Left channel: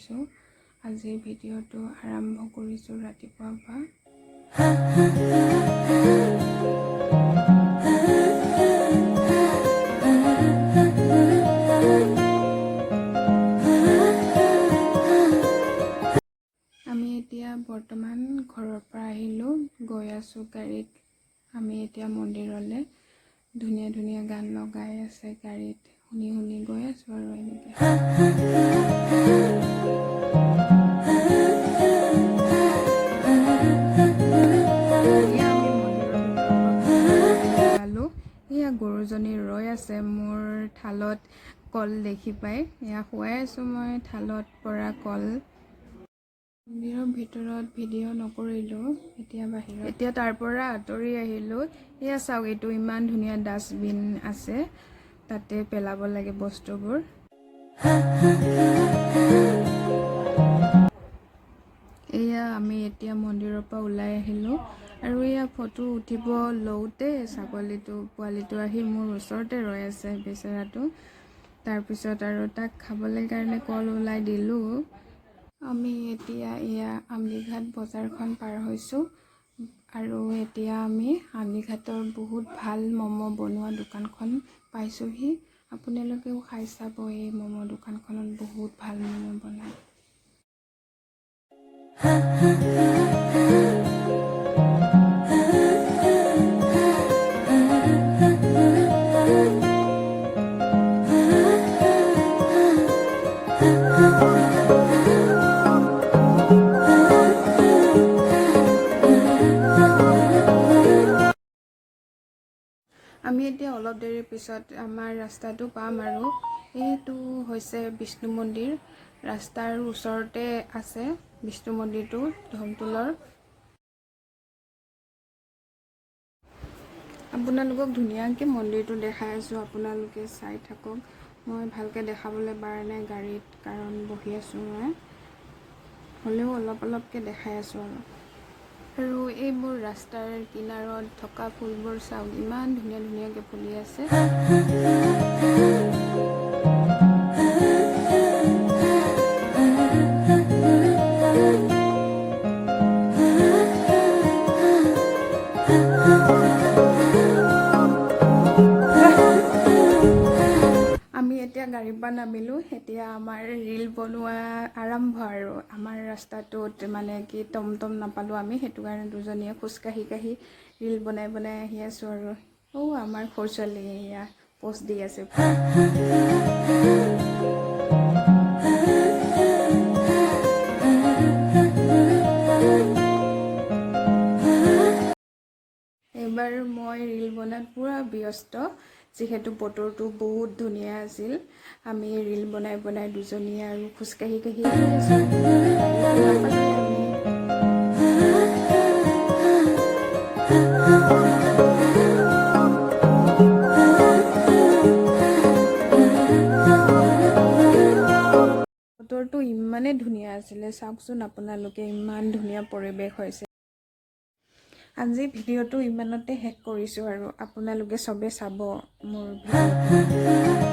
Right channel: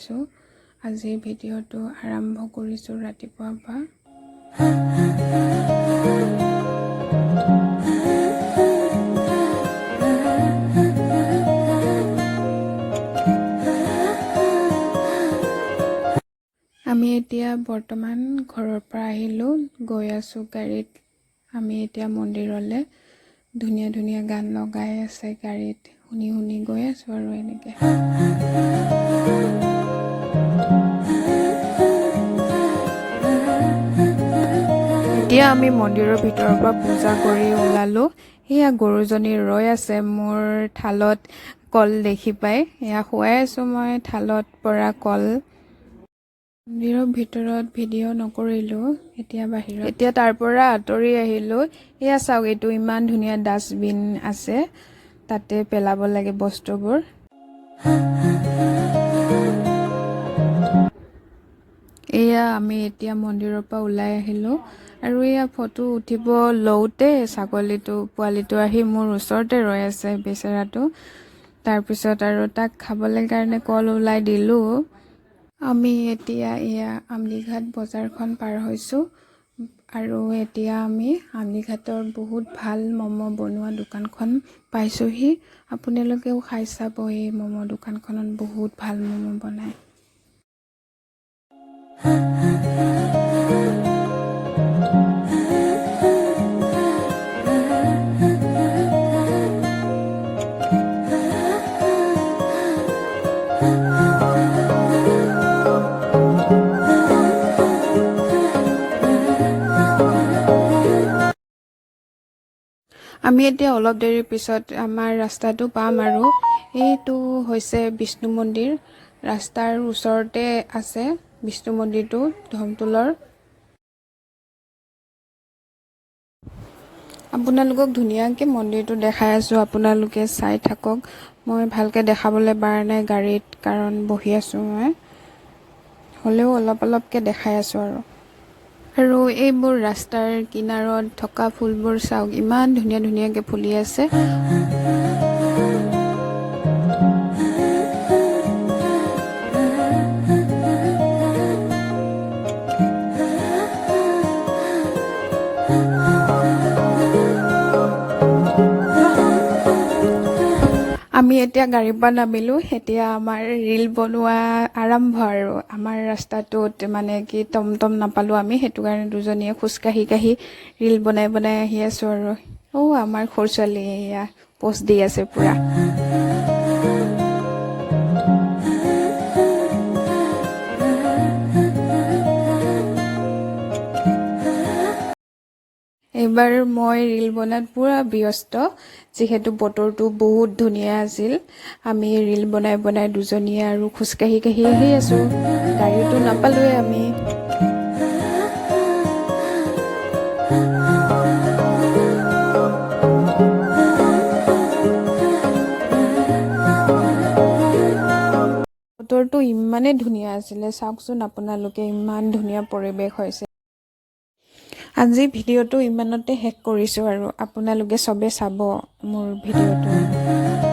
পাইছোঁ। আজি ভিডিঅ'টো আৰম্ভ কৰিছোঁ ৰাতিপুৱাৰ পৰা। আমি এতিয়া বৰ্তমান ঘৰৰ পৰা আহিলোঁ, গৈ আছোঁ গাড়ীত। আমি এতিয়া মন্দিৰলৈ। ধুনীয়া ধুনীয়া গান লগাই আছে গাড়ীত, শুনি শুনি গৈ আছোঁ আৰু এনেকৈ। এতিয়া আমি মন্দিৰৰ ভিতৰৰ পৰা পূজা কৰি ওলালোঁ। সেয়া গৰুজনী ৰৈ আছে মোৰ থালত কল দেখি পাই। এয়া খুৱাই আছোঁ মই থালত পৰা কল। মন্দিৰৰ ভিতৰত ভিডিঅ' নকৰিলোঁ, এতিয়া বাহিৰত। এতিয়া তাৰ পৰা আঁতৰি আহিলোঁ। এয়া চাওক, এইটো ইমান ধুনীয়া ডাষ্টবিন আছে, তাতে পেলাব লাগে বস্তুবোৰ। এয়া আমি এতিয়া মন্দিৰৰ পৰা ওলাই আহিলোঁ আৰু এয়া ফটো উঠিব লওঁতে ছাগলীটো পোৱালিটো আহি মোৰ ওচৰতে ৰৈ আছে বেচেৰাটো। তাৰপিছত আৰু তাক খাবলৈ কাৰণে কল ওলাই দিলোঁ। আমি এতিয়া এয়া আমলিঘাট বজাৰখন পাৰ হৈছোঁ আৰু এতিয়া আমি আমলিঘাটৰ বহুত ভাল ম'ম' বনোৱা দোকানখন পাইছোঁহি। আপোনালোকেও খাই চাব, এই ম'ম' দোকানখনত বহুত ভাল ম'ম' বনায়। আমি এতিয়া অলপ দেৰিৰ পিছত আমাৰ ৰাস্তাটো পাম আৰু এইটো হৈছে বিষ্ণু মন্দিৰ। ৰাস্তাৰ ওচৰতে আছে বিষ্ণু মন্দিৰটো, ধমতোলৰ। আপোনালোকক ধুনীয়াকৈ মন্দিৰটো দেখাই আছোঁ, আপোনালোকে চাই থাকক। মই ভালকৈ দেখাবলৈ পৰা নাই গাড়ীত, কাৰণ বহি আছোঁ মই। হ'লেও অলপ অলপকৈ দেখাই আছোঁ আৰু এইবোৰ ৰাস্তাৰ কিনাৰত থকা ফুলবোৰ চাওক, ইমান ধুনীয়া ধুনীয়াকৈ ফুলি আছে। আমি এতিয়া গাড়ীৰ পৰা নামিলোঁ। এতিয়া আমাৰ ৰীল বনোৱা আৰম্ভ আৰু আমাৰ ৰাস্তাটোত মানে কি টমটম নাপালোঁ আমি, সেইটো কাৰণে দুজনীয়ে খোজকাঢ়ি কাঢ়ি ৰীল বনাই বনাই আহি আছোঁ আৰু। আমাৰ সৰু ছোৱালী এয়া পোষ্ট দি আছে পূৰা। এইবাৰ মই ৰীল বনোৱাত পূৰা ব্যস্ত, যিহেতু বতৰটো বহুত ধুনীয়া আছিল। আমি ৰীল বনাই বনাই দুজনীয়ে আৰু খোজকাঢ়ি কাঢ়ি আহি আছোঁ, গাড়ীটো নাপালোঁৱে আমি। বতৰটো ইমানেই ধুনীয়া আছিলে, চাওকচোন আপোনালোকে, ইমান ধুনীয়া পৰিৱেশ হৈছে। আজি ভিডিঅ'টো ইমানতে শেষ কৰিছোঁ আৰু আপোনালোকে চবে চাব মোৰ ভিডিঅ'টো।